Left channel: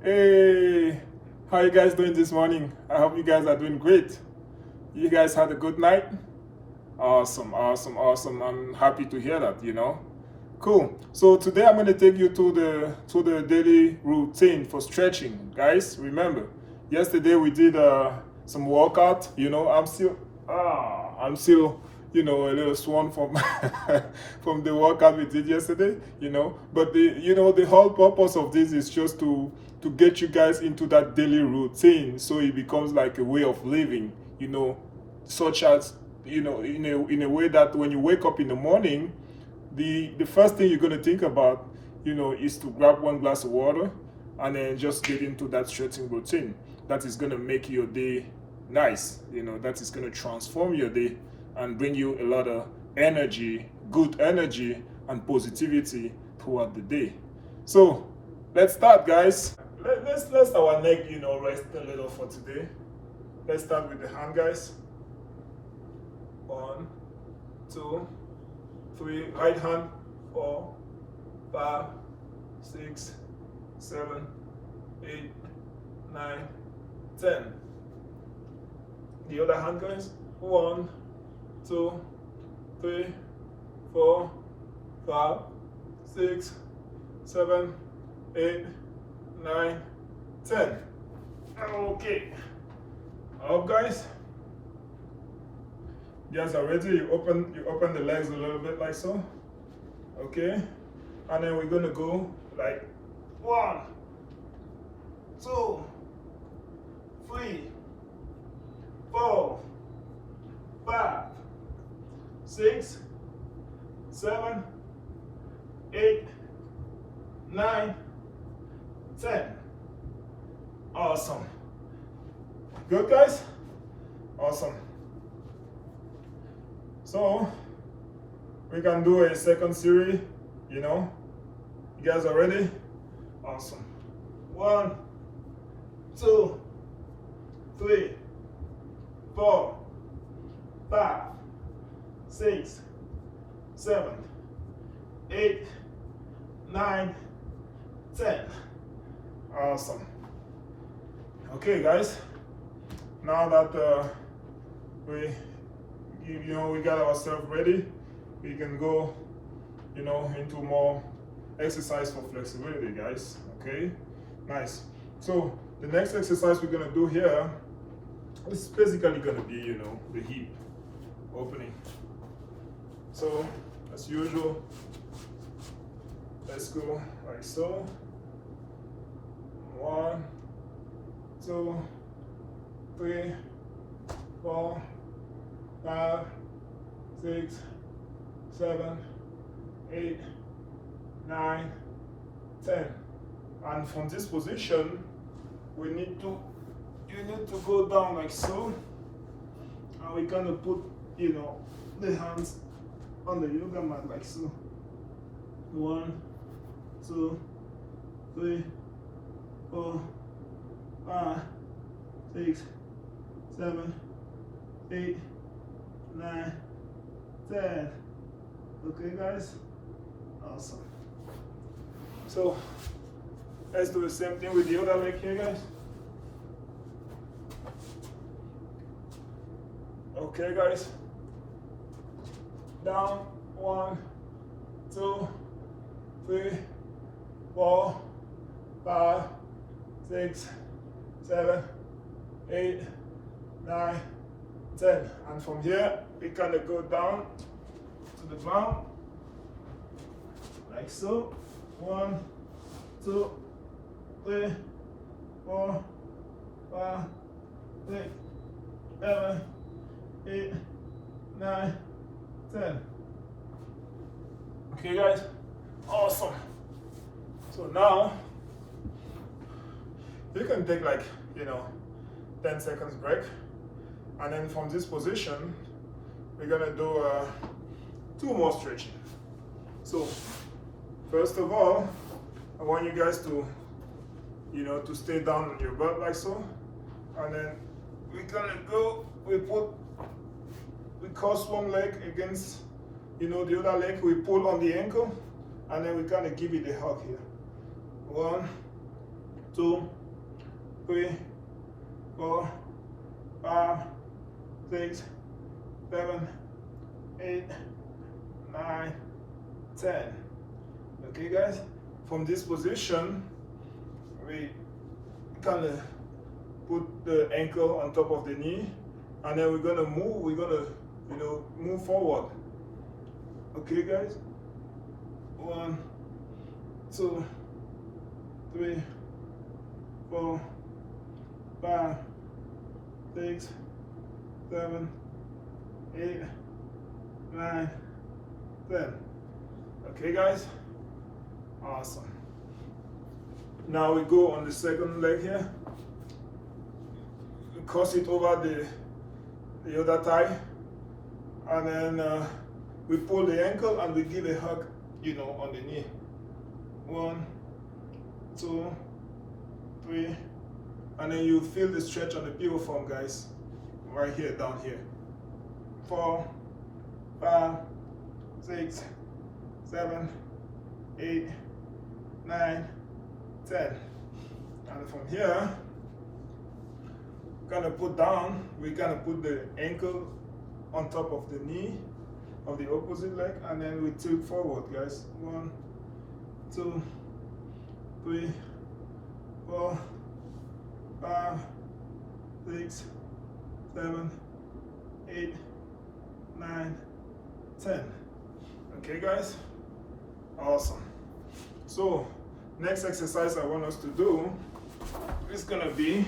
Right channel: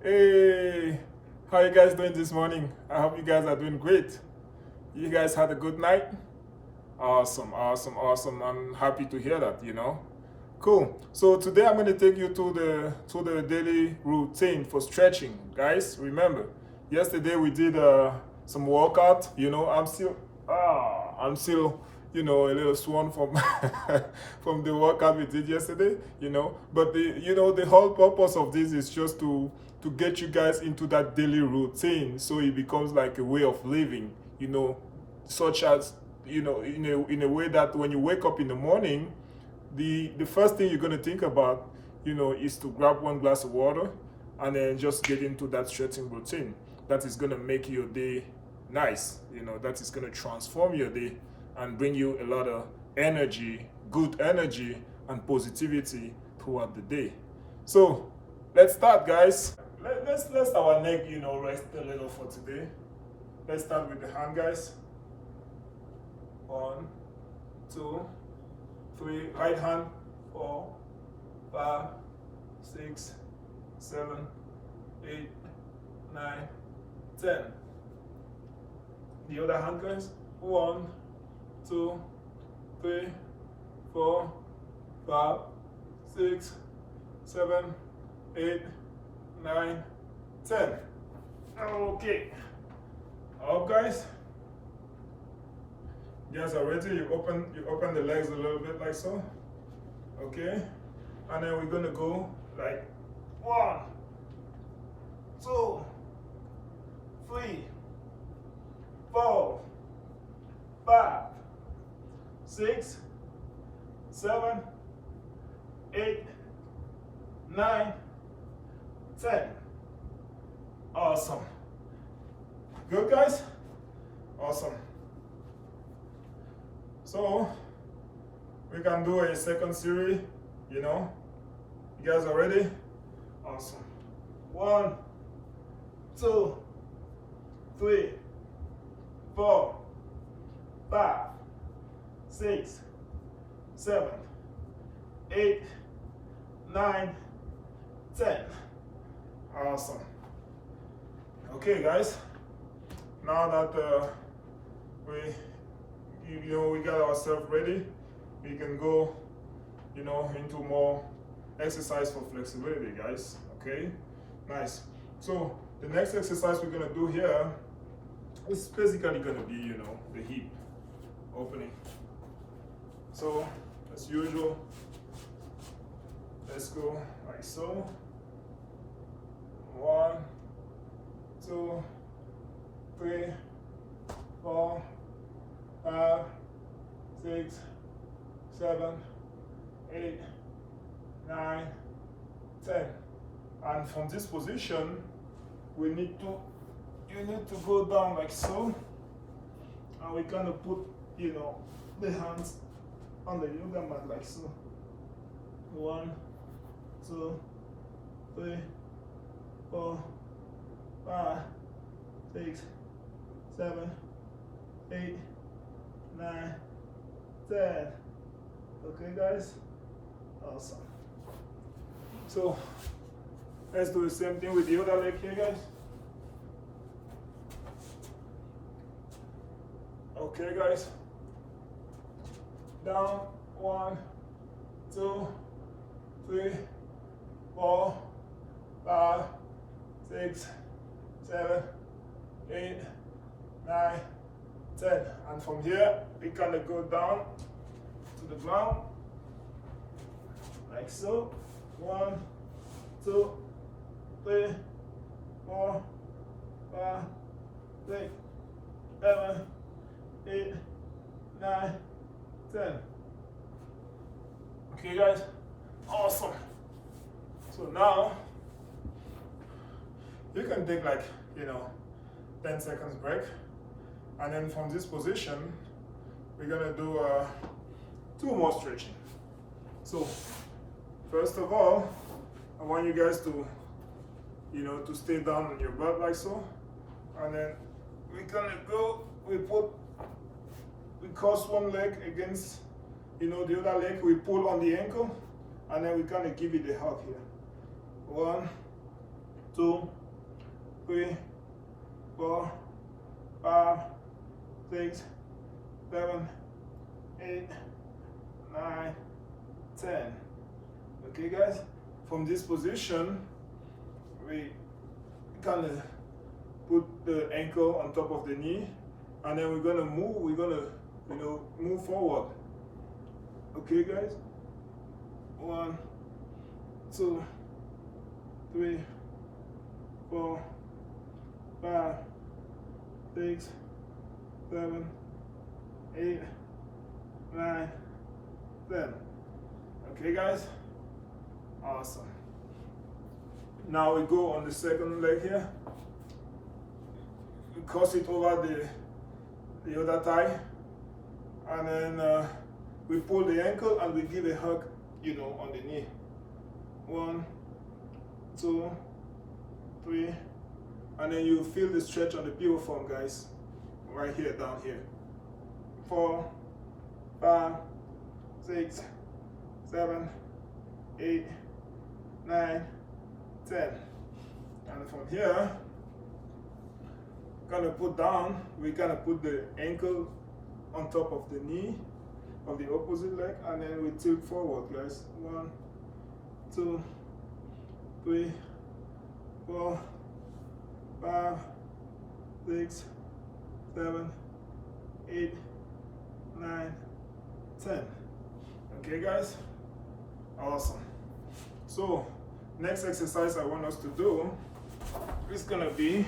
Hey, how you guys doing this morning? I hope you guys are doing great. You guys had a good night? Awesome, awesome, awesome. I'm happy to hear that. Cool. So today I'm going to take you to the daily routine for stretching. Guys, remember, yesterday we did some workout. I'm still a little sworn from from the workout we did yesterday. But the whole purpose of this is just to get you guys into that daily routine so it becomes like a way of living, such as in a way that when you wake up in the morning, the first thing you're going to think about is to grab one glass of water and then just get into that stretching routine that is going to make your day nice, that is going to transform your day and bring you a lot of energy, good energy and positivity throughout the day. So let's start, guys. Let's let our neck rest a little for today. Let's start with the hand, guys. 1, 2, 3. Right hand. 4, 5, 6, 7, 8, 9, 10. The other hand, guys. 1, 2, 3, 4, 5, 6, 7, 8, 9, 10. Okay. Up, guys. You guys are ready? You open the legs a little bit like so. Okay. And then we're gonna go like 1, 2, 3, 4, 5, 6, 7, 8, 9, 10. Awesome. Good, guys? Awesome. So we can do a second series. You guys are ready? Awesome. 1, 2, 3, 4, 5, 6, 7, 8, 9, 10. Awesome. Okay, guys. Now that we got ourselves ready, we can go into more exercise for flexibility, guys. Okay, nice. So the next exercise we're gonna do here is basically gonna be the hip opening. So as usual, let's go like so. 1, 2, 3, 4, 5, 6, 7, 8, 9, 10. And from this position, you need to go down like so, and we kind of put the hands on the yoga mat like so. 1, 2, 3, 4, 5, 6, 7, 8, 9, 10. Okay, guys? Awesome. So let's do the same thing with the other leg here, guys. Okay, guys. Down. 1, 2, 3, 4, 5, 6, 7, 8, 9, 10. And from here, we kind of go down to the ground, like so. 1, 2, 3, 4, 5, 6, 7, 8, 9, 10. Okay, guys? Awesome. So now, you can take 10 seconds break. And then from this position, we're gonna do 2 more stretching. So first of all, I want you guys to stay down on your butt like so. And then we're gonna go, we cross one leg against the other leg, we pull on the ankle, and then we kind of give it a hug here. 1, 2, 3, 4, 5, 6, 7, 8, 9, 10. Okay, guys, from this position, we kind of put the ankle on top of the knee, and then we're gonna move forward. Okay, guys, 1, 2, 3, 4, 5, 6, 7, 8, 9, 10. Okay, guys, awesome. Now we go on the second leg here. We cross it over the other thigh, and then we pull the ankle and we give a hug, on the knee. 1, 2, 3, and then you feel the stretch on the piriform, guys, right here, down here. 4, 5, 6, 7, 8, 9, 10. And from here, we kind of put the ankle on top of the knee of the opposite leg, and then we tilt forward, guys. 1, 2, 3, 4, 5, 6, 7, 8, 9, 10. Okay, guys, awesome. So next exercise I want us to do is gonna be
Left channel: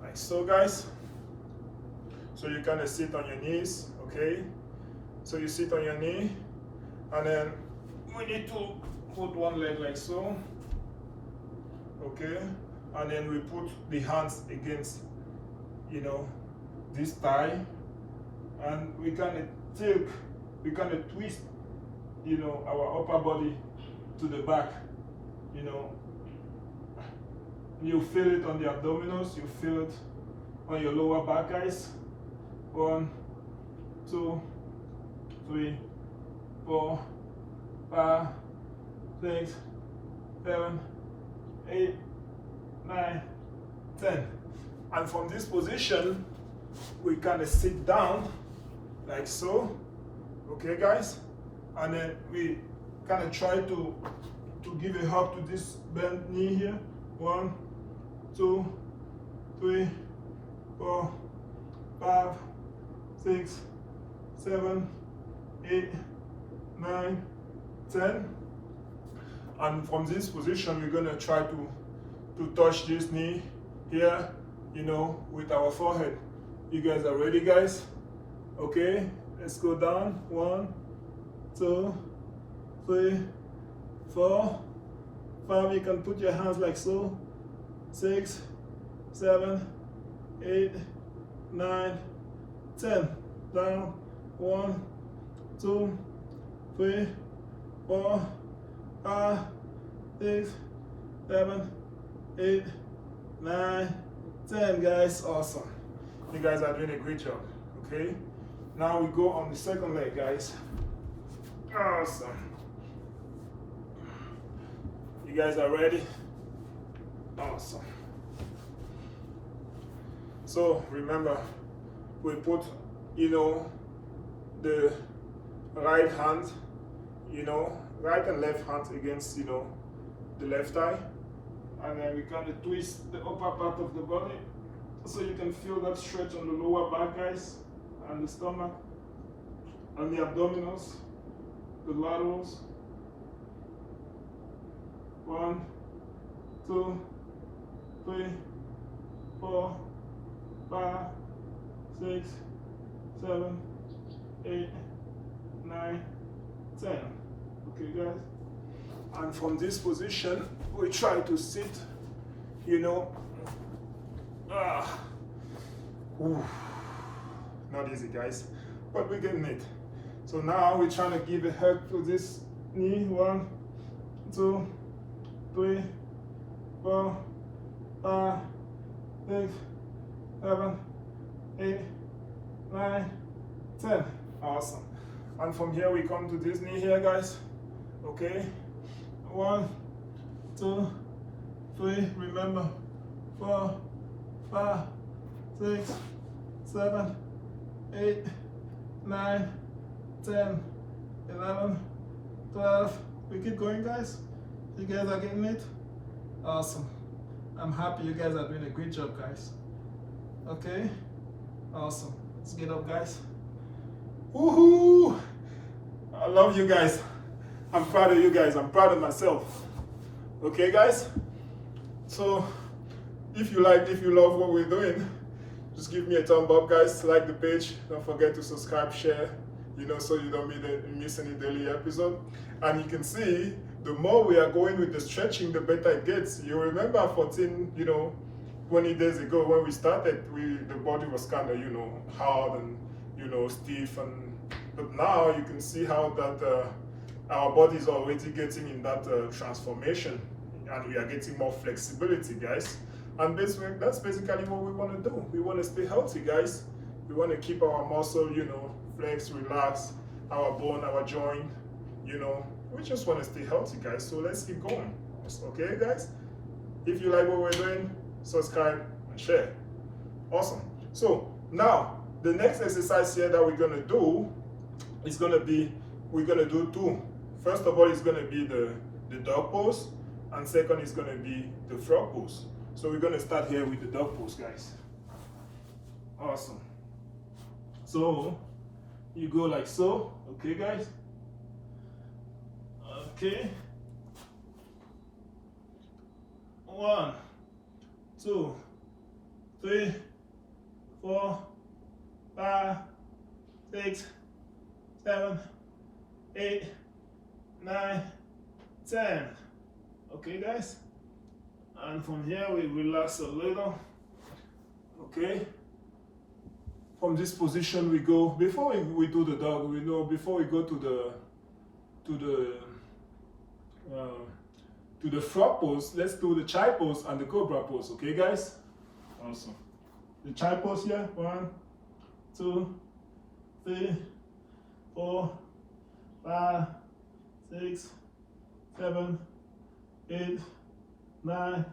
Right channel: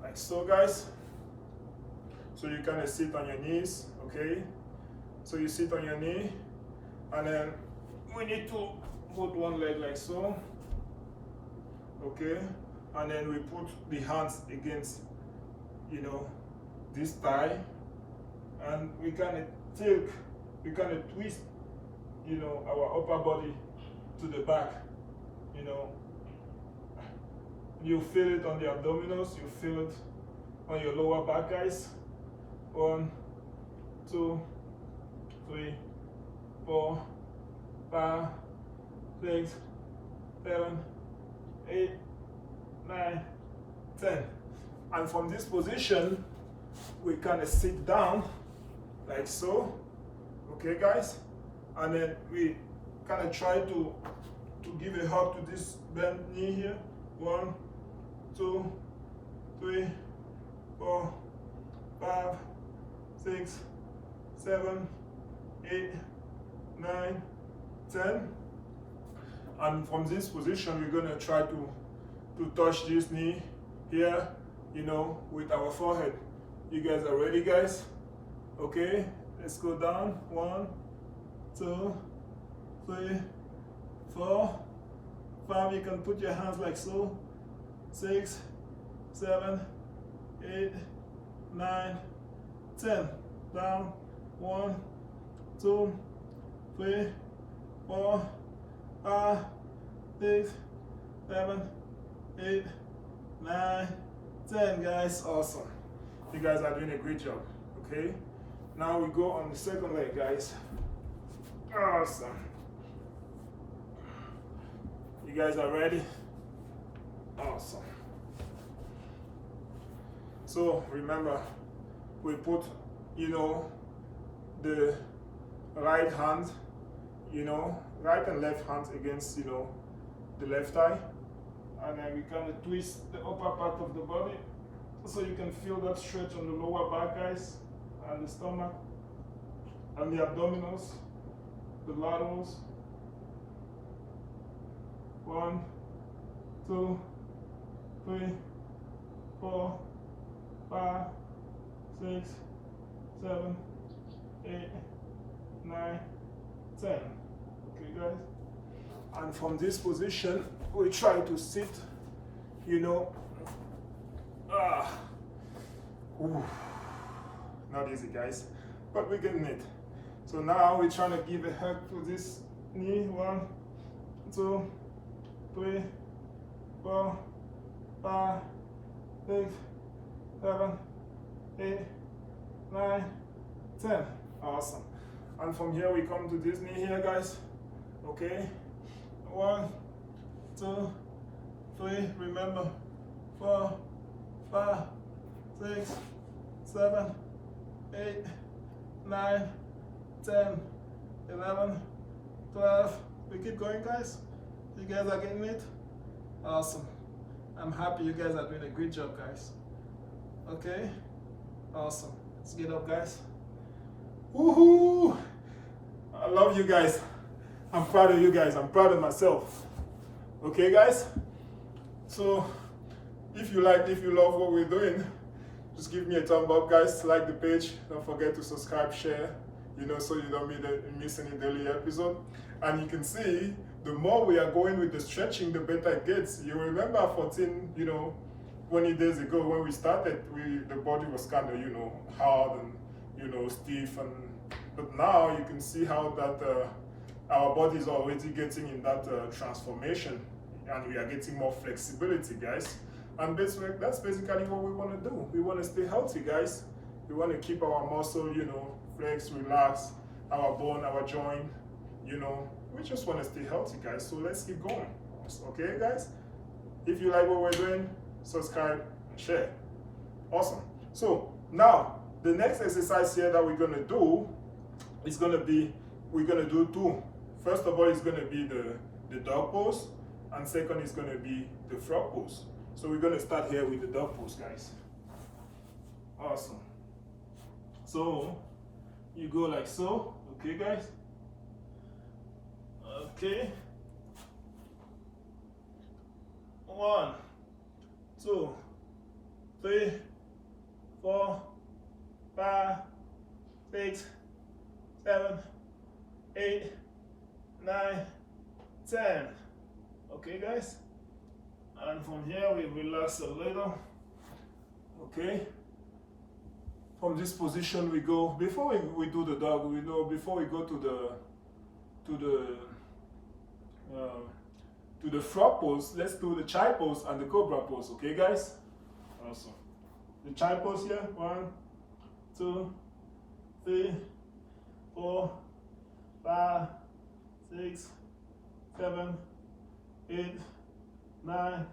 like so, guys. So you kind of sit on your knees, okay? So you sit on your knee, and then we need to put one leg like so, okay? And then we put the hands against, this thigh, and we kind of tilt, we kind of twist, our upper body to the back, You feel it on the abdominals, you feel it on your lower back, guys. 1, 2, 3, 4, 5, 6, 7, 8, 9, 10. And from this position, we kind of sit down like so, okay, guys? And then we kind of try to give a hug to this bent knee here. 1, 2, 3, 4, 5, 6, 7, 8, 9, 10. And from this position, we're gonna try to touch this knee here, with our forehead. You guys are ready, guys? Okay, let's go down. 1, 2, 3, 4, 5. You can put your hands like so. 6, 7, 8, 9, 10. Down. 1, 2, 3, 4, 5, 6, 7, 8, 9, 10, guys. Awesome. You guys are doing a great job. Okay. Now we go on the second leg, guys. Awesome. You guys are ready? Awesome. So remember, we put, the right hand, right and left hands against, the left thigh. And then we kind of twist the upper part of the body so you can feel that stretch on the lower back, guys, and the stomach, and the abdominals, the laterals. 1, 2, 3, 4, 5, 6, 7, 8, 9, 10. Okay, guys? And from this position, we try to sit, not easy, guys, but we're getting it. So now we're trying to give a hug to this knee. 1, 2, 3, 4, 5, 6, 7, 8, 9, 10. Awesome. And from here we come to this knee here, guys. Okay. 1, 2, 3, remember, 4, 5, 6, 7, 8, 9, 10, 11, 12. We keep going, guys. You guys are getting it? Awesome. I'm happy you guys are doing a great job, guys. Okay? Awesome. Let's get up, guys. Woohoo! I love you guys. I'm proud of you guys. I'm proud of myself. Okay, guys? So, if you love what we're doing, just give me a thumb up, guys. Like the page. Don't forget to subscribe, share, so you don't miss any daily episode. And you can see, the more we are going with the stretching, the better it gets. You remember 14, 20 days ago when we started, the body was kind of, hard and, stiff. But now you can see how that our body is already getting in that transformation, and we are getting more flexibility, guys. And that's basically what we want to do. We want to stay healthy, guys. We want to keep our muscle, flex, relax, our bone, our joint, we just want to stay healthy, guys. So let's keep going. Okay, guys? If you like what we're doing, subscribe and share. Awesome. So now the next exercise here that we're going to do is going to be, we're going to do 2. First of all, it's going to be the dog pose, and second is going to be the frog pose. So we're going to start here with the dog pose, guys. Awesome. So you go like so. Okay, guys? Okay. 1, 2, 3, 4, 5, 6, 7, 8, 9, 10. Okay, guys? And from here we relax a little. Okay? From this position we go, before we do the dog, before we go to the frog pose, let's do the child pose and the cobra pose. Okay, guys? Awesome. The child pose here. 1, 2, 3, 4, 5, 6, 7, 8, 9,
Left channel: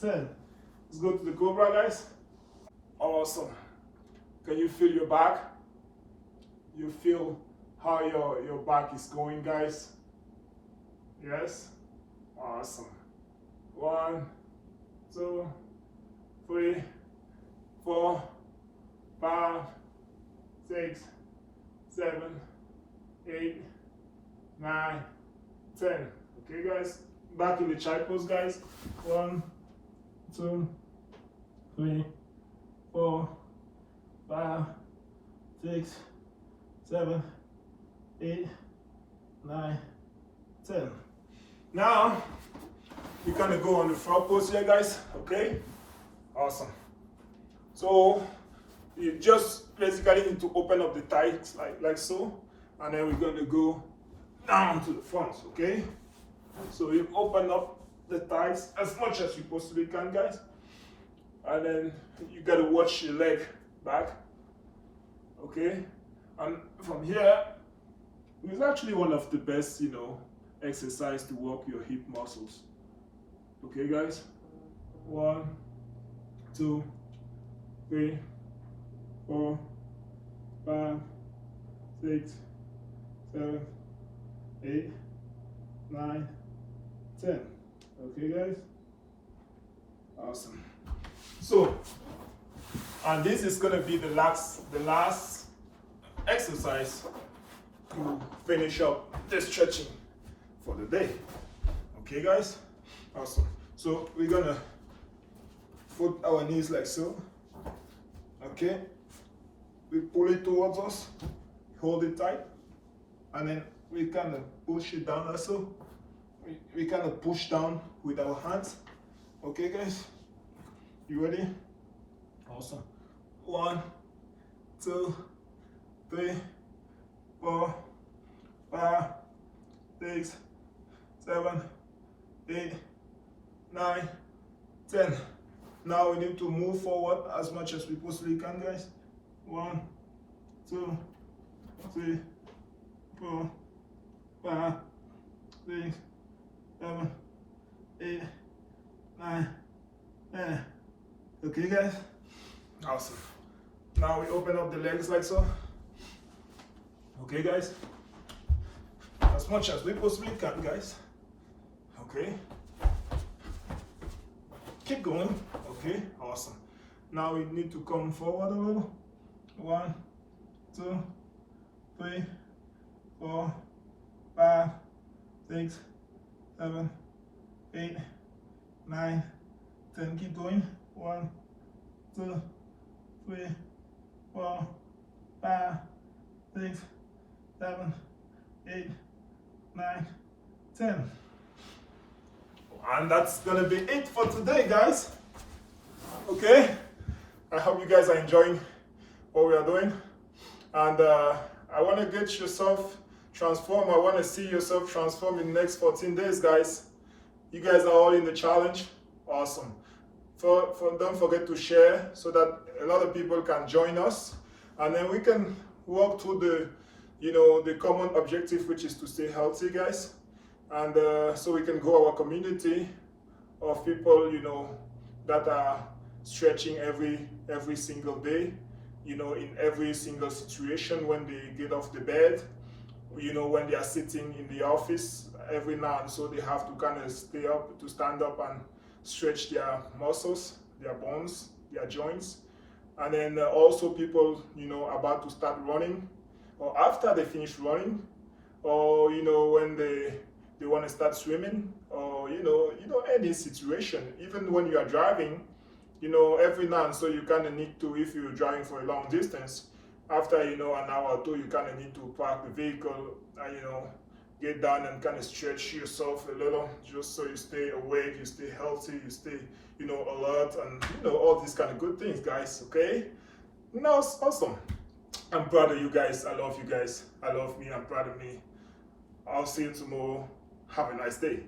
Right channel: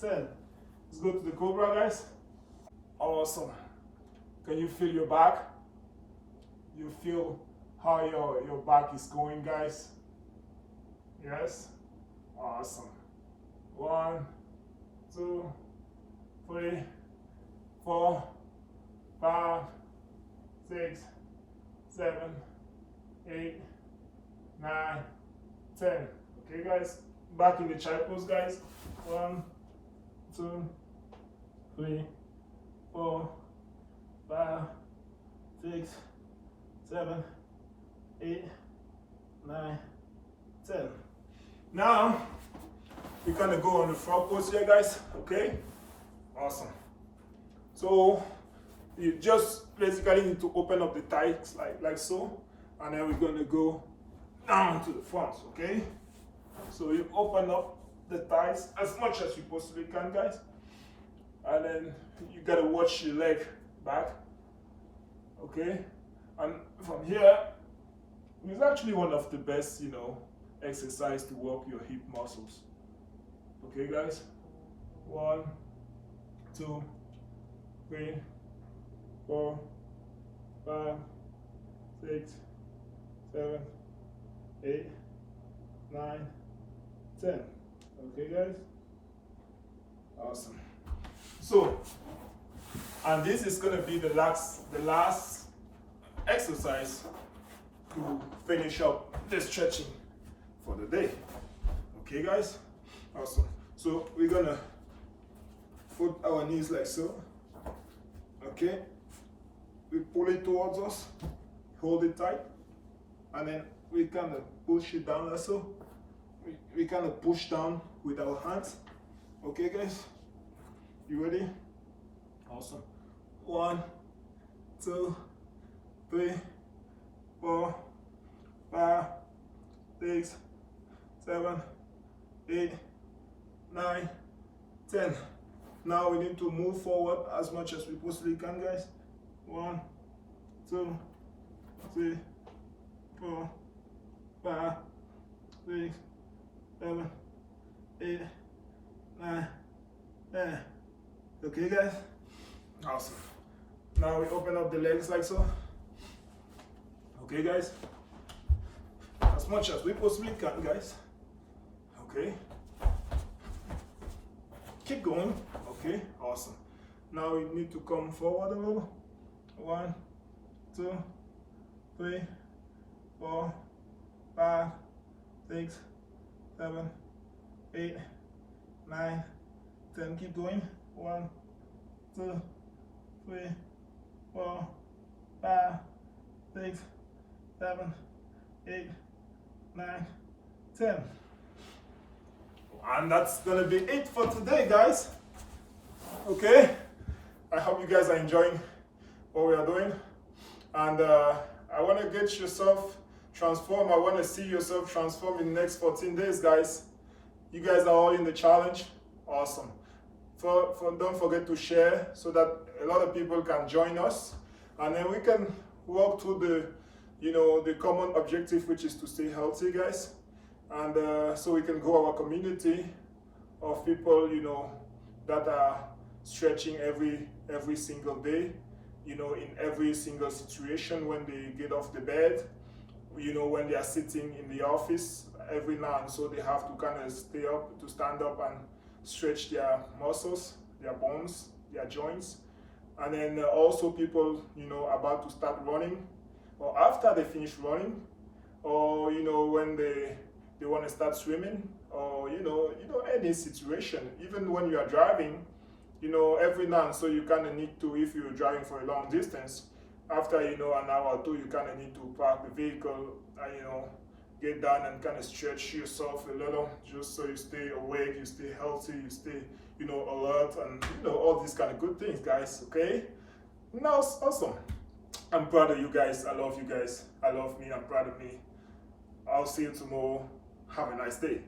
10. Let's go to the cobra, guys. Awesome. Can you feel your back? You feel how your back is going, guys? Yes? Awesome. 1, 2, 3, 4, 5, 6, 7, 8, 9, 10. Okay, guys? Back in the child pose, guys. 1, 2, 3, 4, 5, 6, 7, 8, 9, 10. Now, you kind of go on the frog pose here, guys. Okay? Awesome. So, you just basically need to open up the thighs like so. And then we're going to go down to the front, okay? So you open up the thighs as much as you possibly can, guys. And then you got to watch your leg back, okay? And from here, it's actually one of the best, exercise to work your hip muscles. Okay, guys? 1, 2, 3, 4, 5, 6, 7, 8, 9, 10. Okay, guys? Awesome. So, and this is gonna be the last exercise to finish up the stretching for the day. Okay, guys? Awesome. So we're gonna put our knees like so. Okay? We pull it towards us, hold it tight, and then we kind of push it down also. We kind of push down with our hands. Okay, guys? You ready? Awesome. 1, 2, 3, 4, 5, 6, 7, 8, 9, 10. Now we need to move forward as much as we possibly can, guys. 1, 2, 3, 4, 5, 6, 7, 8, 9, Okay, guys? Awesome. Now we open up the legs like so. Okay, guys? As much as we possibly can, guys. Okay. Keep going. Okay, awesome. Now we need to come forward a little. 1, 2, 3, 4, 5, 6, 7, 8, 9, 10. Keep going. 1, 2, 3, 4, 5, 6, 7, 8, 9, 10. And that's gonna be it for today, guys. Okay, I hope you guys are enjoying what we are doing, and I want to get yourself transformed. I want to see yourself transform in the next 14 days, guys. You guys are all in the challenge. Awesome. Don't forget to share so that a lot of people can join us, and then we can walk through the common objective, which is to stay healthy, guys. And so we can grow our community of people, that are stretching every single day, in every single situation, when they get off the bed, when they are sitting in the office every now and so, they have to kind of stand up and stretch their muscles, their bones, their joints. And then also people, about to start running, or after they finish running, or when they want to start swimming, or any situation, even when you are driving, every now and so you kind of need to, if you're driving for a long distance, after an hour or two, you kind of need to park the vehicle and get down and kind of stretch yourself a little, just so you stay awake, you stay healthy, you stay alert, and all these kind of good things, guys. Okay, it's awesome. I'm proud of you guys. I love you guys. I love me. I'm proud of me. I'll see you tomorrow. Have a nice day.